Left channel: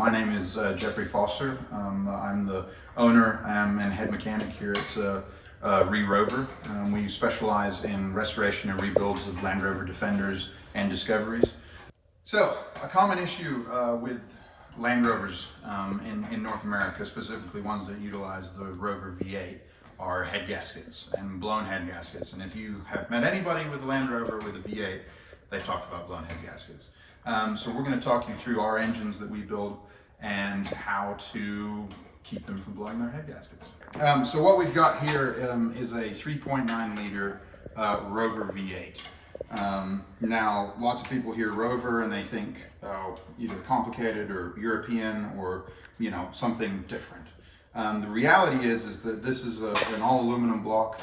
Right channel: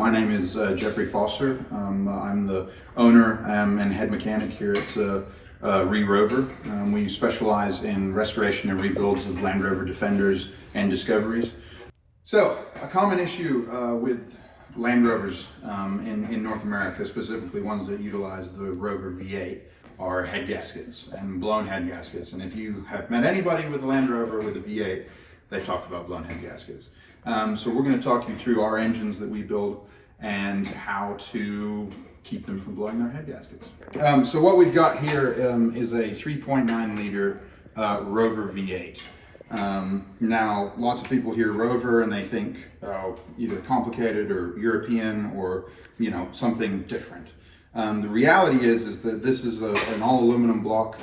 My name is Jeffrey Foster. I'm the owner and head mechanic here at ReRover. We specialize in restoration and rebuilds of Land Rover Defenders and Discoveries. So, a common issue with Land Rovers in North America, specifically ones that utilize the Rover V8, are head gaskets and blown head gaskets. And if you have met anybody with a Land Rover with a V8, they've talked about blown head gaskets. So we're going to talk you through our engines that we build and how to keep them from blowing their head gaskets. So what we've got here is a 3.9 liter Rover V8. Now, lots of people hear Rover and they think either complicated or European or, you know, something different. The reality is that this is an all aluminum block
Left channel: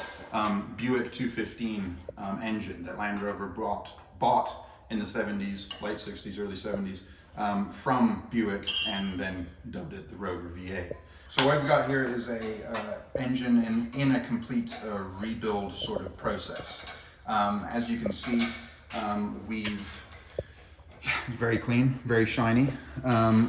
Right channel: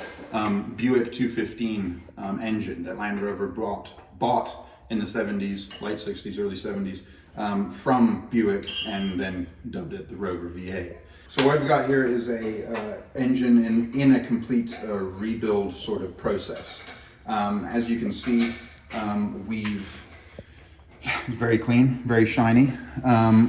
Buick 215 engine that Land Rover bought in the 70s, late 60s, early 70s, from Buick, and then dubbed it the Rover V8. So what we've got here is a engine in a complete rebuild sort of process. As you can see, it's very clean, very shiny.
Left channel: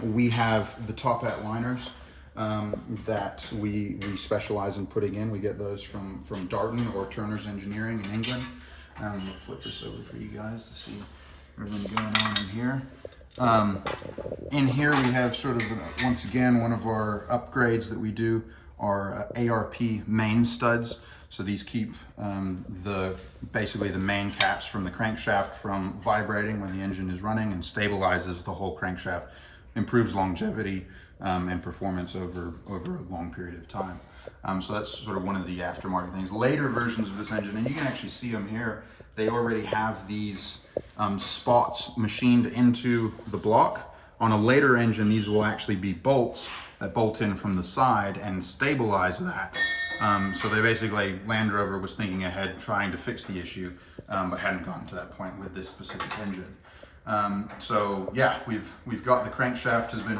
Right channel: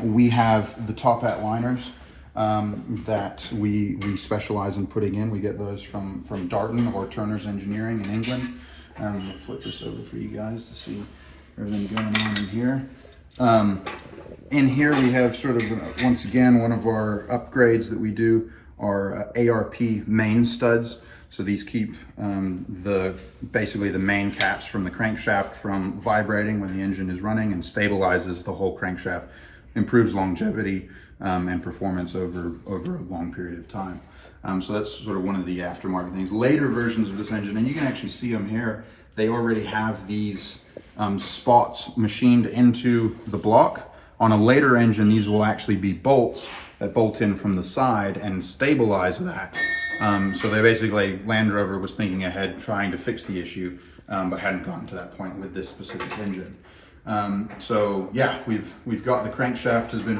We have the top hat liners that we specialize in putting in. We get those from Darton or Turner's Engineering in England. We'll flip this over for you guys to see everything going on in here. In here we have sort of, once again, one of our upgrades that we do are ARP main studs. So these keep basically the main caps from the crankshaft from vibrating when the engine is running, and stabilizes the whole crankshaft, improves longevity and performance over a long period of time. So that's sort of one of the aftermarket things. Later versions of this engine, and you can actually see them here, they already have these spots machined into the block. On a later engine, these will actually be bolts that bolt in from the side and stabilize that. So they basically, Land Rover was thinking ahead, trying to fix the issue, but hadn't gotten to that point with this specific engine. So yeah, we've got the crankshaft has been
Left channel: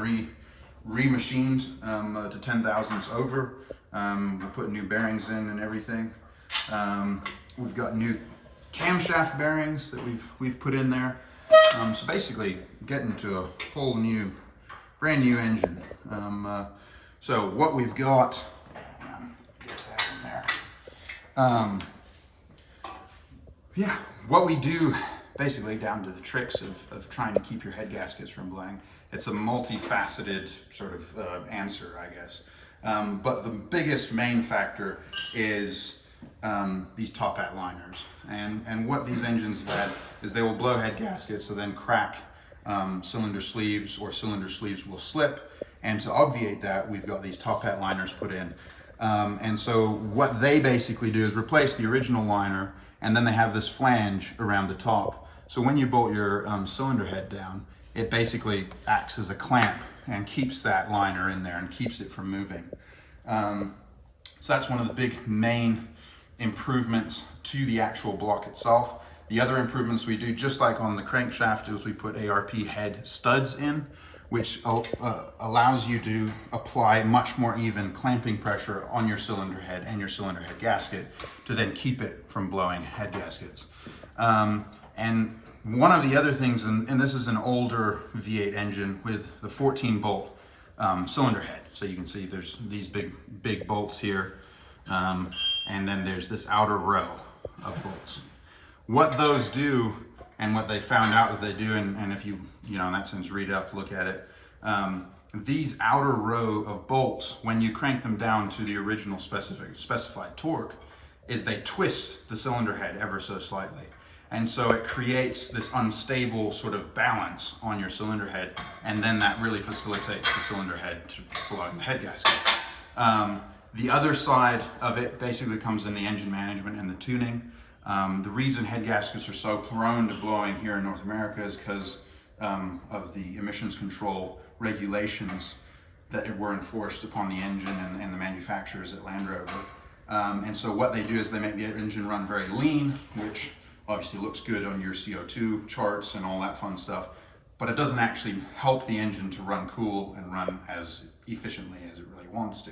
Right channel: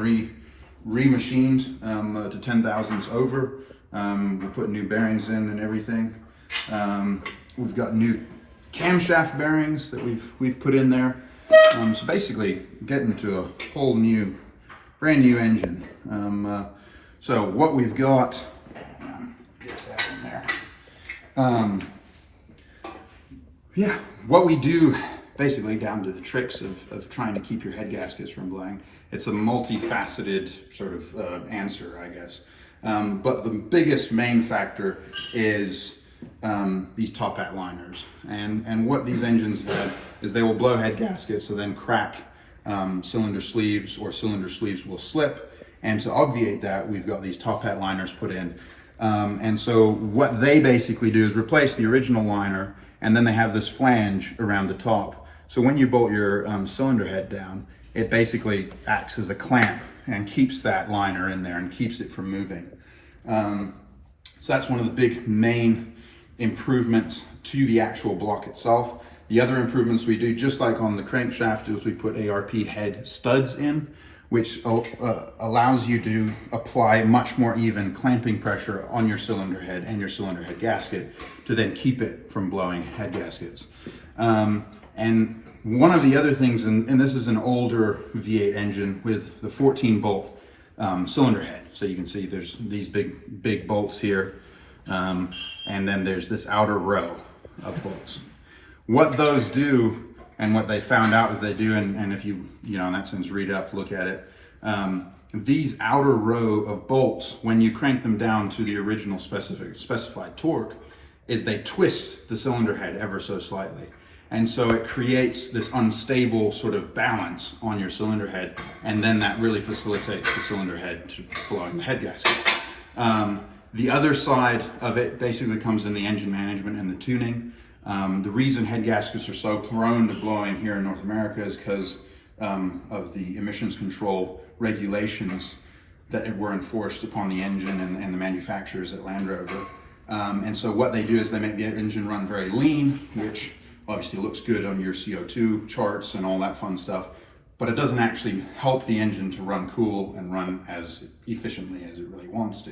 re-machined to 10 thousandths over. We put new bearings in and everything. We've got new camshaft bearings that we've put in there. So basically getting to a whole new, brand new engine. So what we've got, get that in there. Yeah, what we do basically, down to the tricks of trying to keep your head gaskets from blowing. It's a multifaceted sort of answer, I guess. But the biggest main factor is these top hat liners. And what these engines do is they will blow head gaskets, so then crack cylinder sleeves, or cylinder sleeves will slip. And to obviate that, we've got these top hat liners put in. And so what they basically do is replace the original liner, and then they have this flange around the top. So when you bolt your cylinder head down, it basically acts as a clamp and keeps that liner in there and keeps it from moving. So that's one of the big main improvements to the actual block itself. The other improvements we do, just like on the crankshaft, is we put ARP head studs in, which allows you to apply much more even clamping pressure on your cylinder head and your cylinder head gasket to then keep it from blowing head gaskets. And one of the other things, and this is an older V8 engine with the 14 bolt cylinder head. So you can see there's these big bolts here. And then there's this outer row of bolts. What those do, and what they found out that they do, and if you know, in that sense, read up, look at it, these outer row of bolts, when you crank them down to the original specified torque, is they twist the cylinder head ever so slightly. And so it creates this unstable sort of balance on your cylinder head, and then that really facilitates the cylinder head to blowing the head gasket. The other side of it basically comes in the engine management and the tuning. The reason head gaskets are so prone to blowing here in North America is because of the emissions control regulations that were enforced upon the engine and the manufacturers at Land Rover. And so what they do is they make the engine run very lean, which obviously looks good on your CO2 charts and all that fun stuff, but it doesn't actually help the engine to run cool and run as efficiently as it really wants to.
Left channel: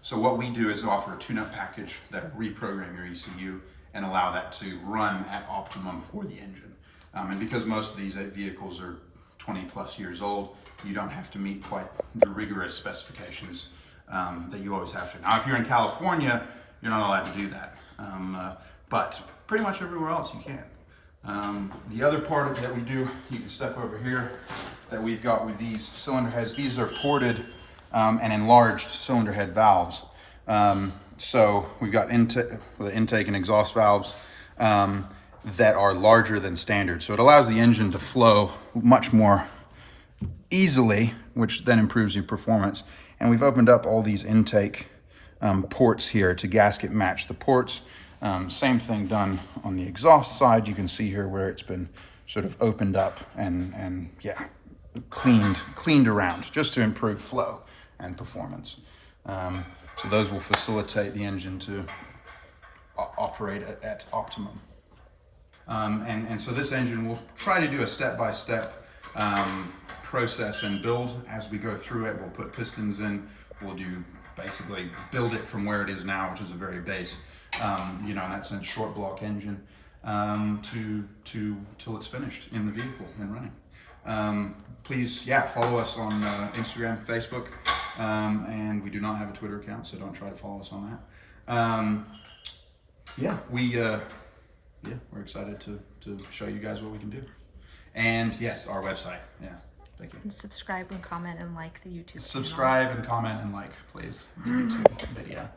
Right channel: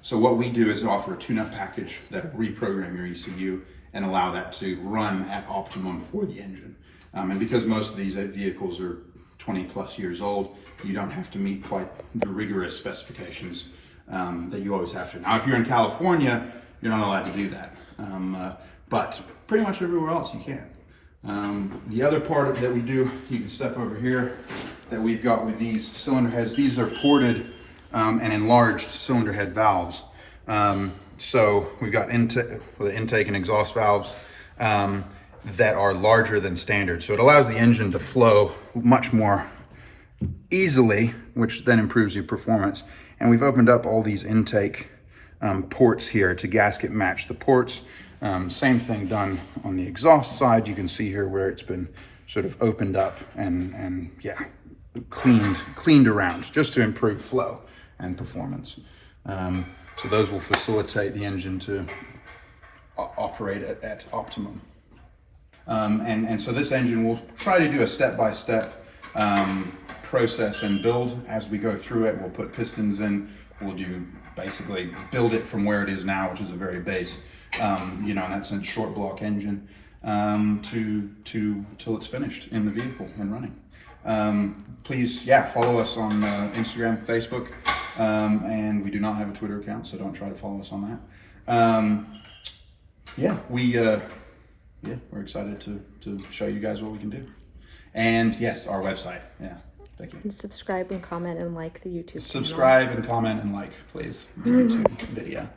So what we do is offer a tune-up package that will reprogram your ECU and allow that to run at optimum for the engine. And because most of these vehicles are 20 plus years old, you don't have to meet quite the rigorous specifications that you always have to. Now, if you're in California, you're not allowed to do that, but pretty much everywhere else you can. The other part that we do, you can step over here, that we've got with these cylinder heads. These are ported and enlarged cylinder head valves. So we've got the intake and exhaust valves that are larger than standard. So it allows the engine to flow much more easily, which then improves your performance. And we've opened up all these intake ports here to gasket match the ports. Same thing done on the exhaust side. You can see here where it's been sort of opened up and yeah, cleaned around just to improve flow and performance. So those will facilitate the engine to operate at optimum. And so this engine, we'll try to do a step-by-step process and build as we go through it. We'll put pistons in, we'll do basically build it from where it is now, which is a very base, you know, in that sense, short block engine, till it's finished in the vehicle and running. Please, yeah, follow us on Instagram, Facebook, and we do not have a Twitter account, so don't try to follow us on that. Yeah, we're excited to show you guys what we can do. And yes, our website, yeah, thank you. And subscribe and comment and like the YouTube channel. Subscribe and comment and like, please, the YouTube video.